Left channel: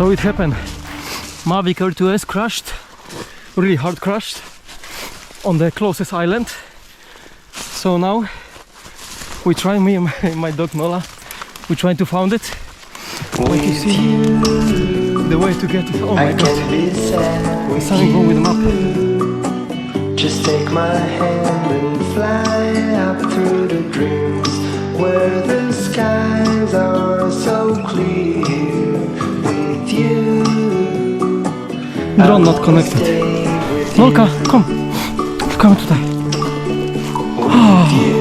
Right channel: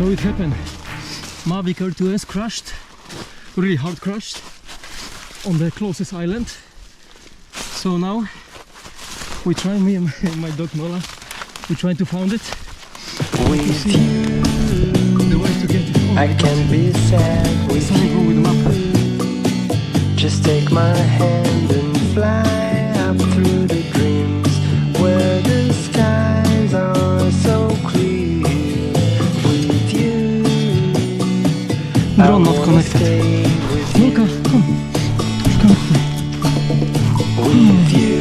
So it happened. Mavic R2S crashed, really hard crashed on the closest island. So now we try, me and my dog NOLA, we try to find it. With you, the way to get it. Oh I can be sad with something wrong with the map. you. Just take my hand and fly up through the dreams where the skies are so clear. With you, Drone not connected. Nolka, come tutaj. With you,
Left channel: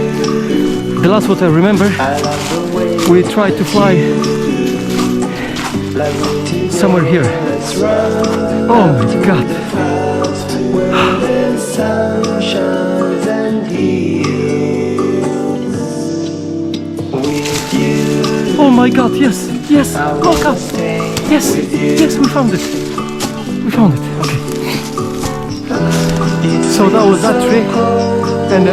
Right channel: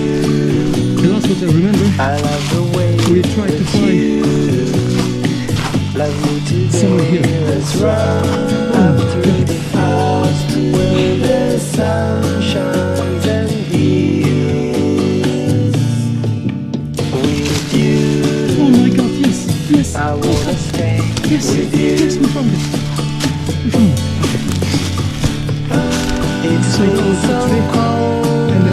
The last what I remember, I love the way we tried to fly somewhere here. Let's run Oh up my through god. the clouds where the sun shines and heals. With you, Oh my god, yes, yes, I Nolka, wanna stay yes, with you. yes, we found it. We found it, okay. It's So that been was that so trick, cold and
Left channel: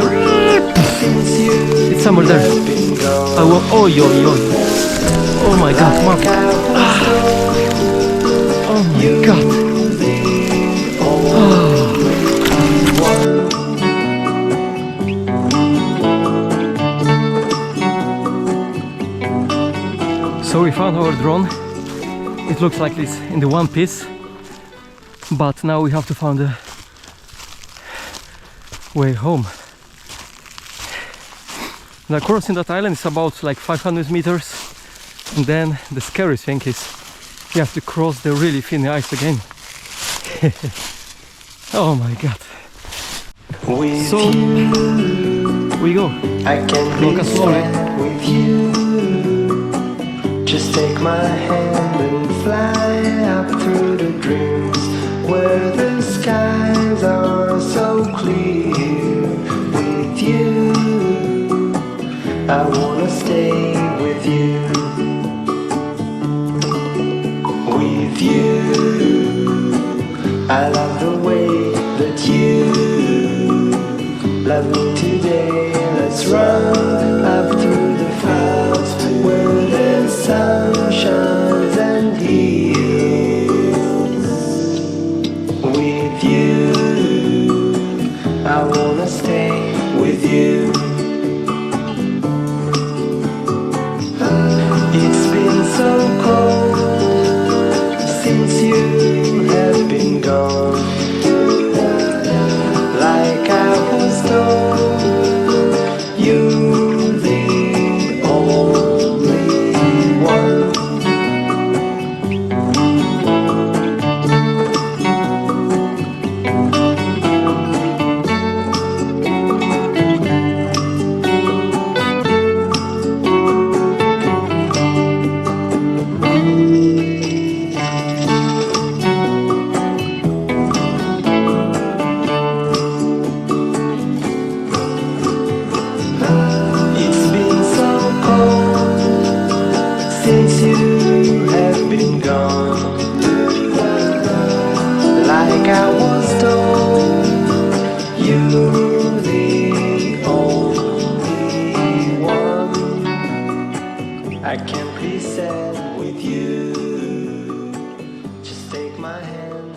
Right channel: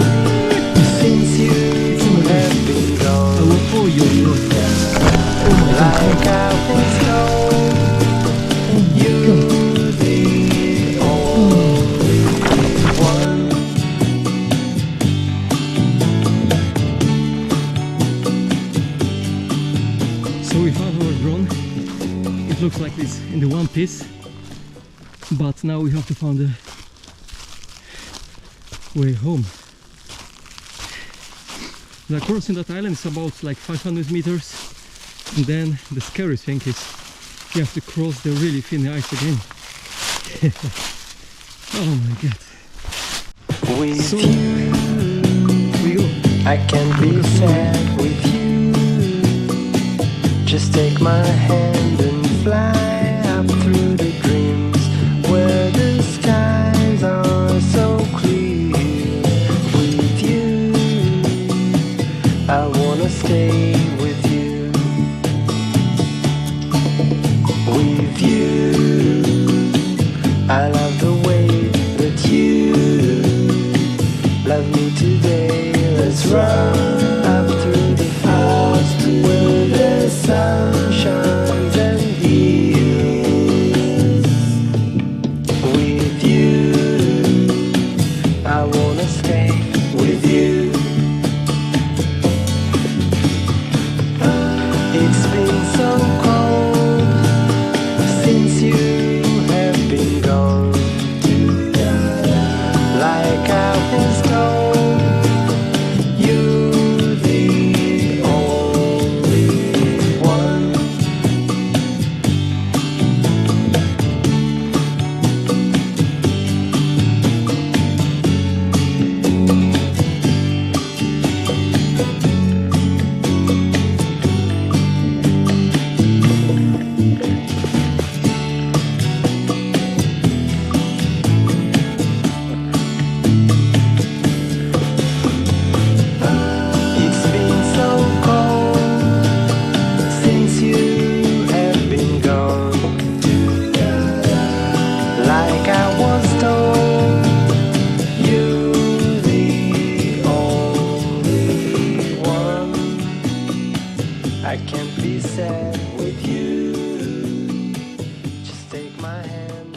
since you it's somewhere there. have been gone. I will, oh yo, oh my god, Like map. I was told, Oh my you god. the only one. So we found our drone. It looks like this in the one piece, but now we have to find a way home. Now crossing that island is about like 500 meters, and then the scary thing is you have to cross the really thin ice again. Oh my god. With So you, we go. I can't be sad with you. Just take my hand and fly up through the dreams where the skies are so clear. With you, I wanna stay with you. With you, I love the way that you love me today. Let's run up through the clouds where the sun shines and heals. With you, I wanna stay with you. It's been so cold since you have been gone. Like I was told, you're the only one. It's been so cold since you have been gone. Like I was told, you're the only one. I can't be sad with you. Just take my hand.